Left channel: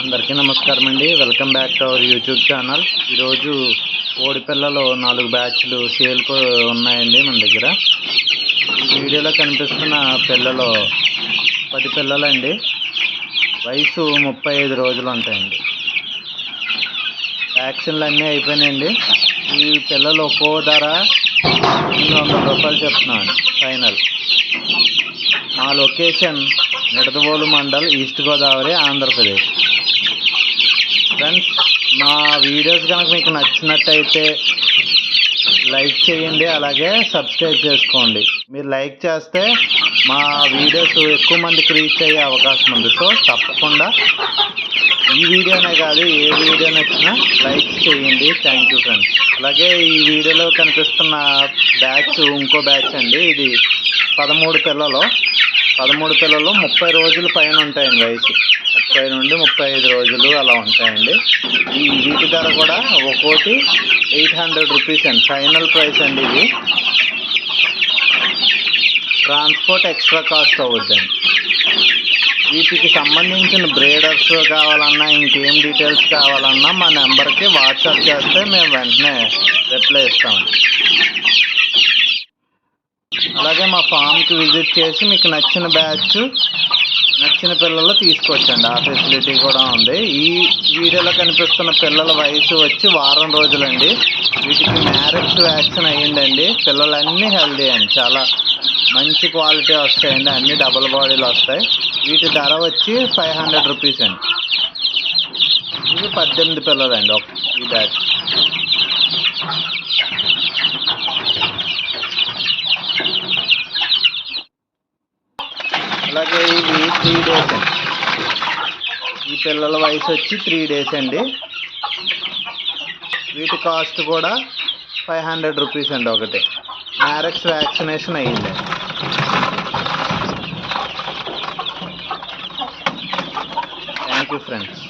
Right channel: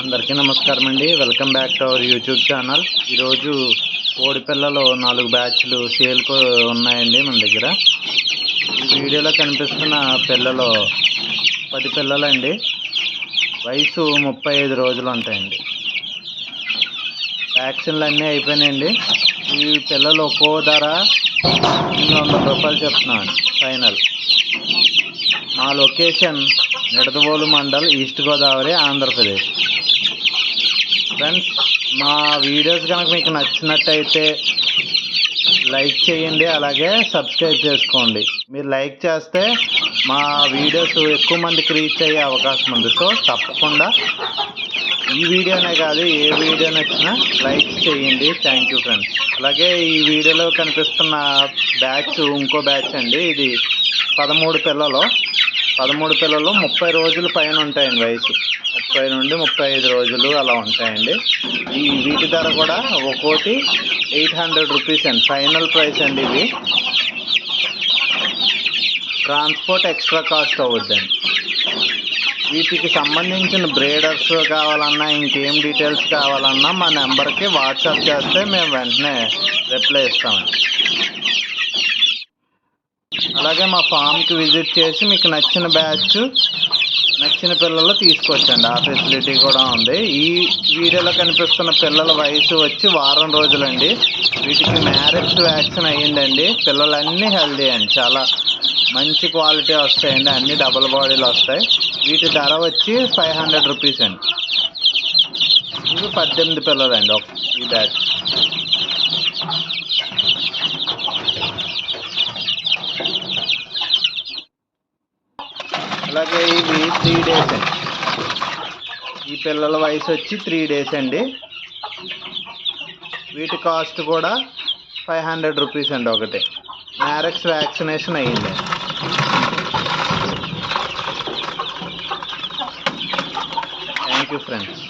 అందరికీ నమస్కారం అండి. Welcome back to our YouTube channel. ఈరోజు కోడి పిల్లలు 4 బ్యాచ్లు సేల్కు ఉన్నాయండి మన దగ్గర. ఈ వీడియోలో కనిపిస్తున్న పిల్లలు 10 పిల్లలండి. వయసు 35 రోజులు ఉంటాయండి. వ్యాక్సిన్లు అన్నీ అయిపోయినాయండి. ఈ పిల్లలు ఒక్కో ధర 800 రూపాయలు చెప్తున్నామండి ఫైనల్. మా location Nidadavolu mandal, east Godavari, Andhra Pradesh. Friends, మా వీడియోస్ కనుక మీకు నచ్చినట్టయితే లైక్ చేయండి, అలాగే సబ్స్క్రైబ్ చేసుకోండి. మీరు లైక్ చేస్తే మా వీడియోస్ ఎక్కువ మందికి రీచ్ అయ్యే అవకాశం ఉంది. సో తప్పకుండా ఈ వీడియోనే కాదు, ఏ వీడియో నచ్చినా లైక్ చేయండి. Thank you friends. అలాగే ఈ వీడియోలో కనిపిస్తున్న బ్యాచ్ ఇంకో బ్యాచ్ అండి. ఇది 13 పిల్లలు. 13 పిల్లలు 30 రోజుల పైన ఉంటాయండి. వయసు 30 నుండి 35 రోజులు అలా ఉంటాయండి. వీటి ధర కూడా ఒక్కోటి 800 రూపీస్ అండి, ఫైనల్ ప్రైస్ అండి. ఇది ట్రాన్స్పోర్ట్ ఎక్స్ట్రా కాస్ట్ అవుద్దండి. వీటికి సంబంధించిన బ్రీడర్స్ కావాలన్నా, ఇంకేం డీటెయిల్స్ కావాలన్నా మా నెంబర్కి వాట్సాప్ చేస్తే మేము వెంటనే రిప్లై ఇస్తామండి. అలాగే మా ఫామ్కి విజిట్ చేసి మీకు నచ్చిన బ్యాచ్, నచ్చిన పిల్లలు తీసుకొచ్చండి. ఆ ఫెసిలిటీ కూడా ఉంది. ఈ వీడియోలో కనిపిస్తున్న పిల్లల వయసు వచ్చి వారం రోజులండి. వీటికి మ్యారెక్స్ వ్యాక్సిన్ అయ్యిందండి. పిల్లలన్నీ హెల్దీ అండి, చాలా మంచి క్వాలిటీ వస్తాయండి. అన్ని డబుల్ బాడీలు వస్తాయి. వీటి ధర వచ్చి 500 రూపీస్ అండి. ఇవి 18 పిల్లలండి ఈ బ్యాచ్. అలాగే ఇవి 3 డేస్ అండి. ఈ పిల్లల వయసు వచ్చి 3 డేస్ అండి. వీటి కాస్ట్ కూడా 500 రూపీస్ అండి ఒకటి. మ్యారెక్స్ వ్యాక్సినేషన్ అయ్యిందండి. Thank you friends.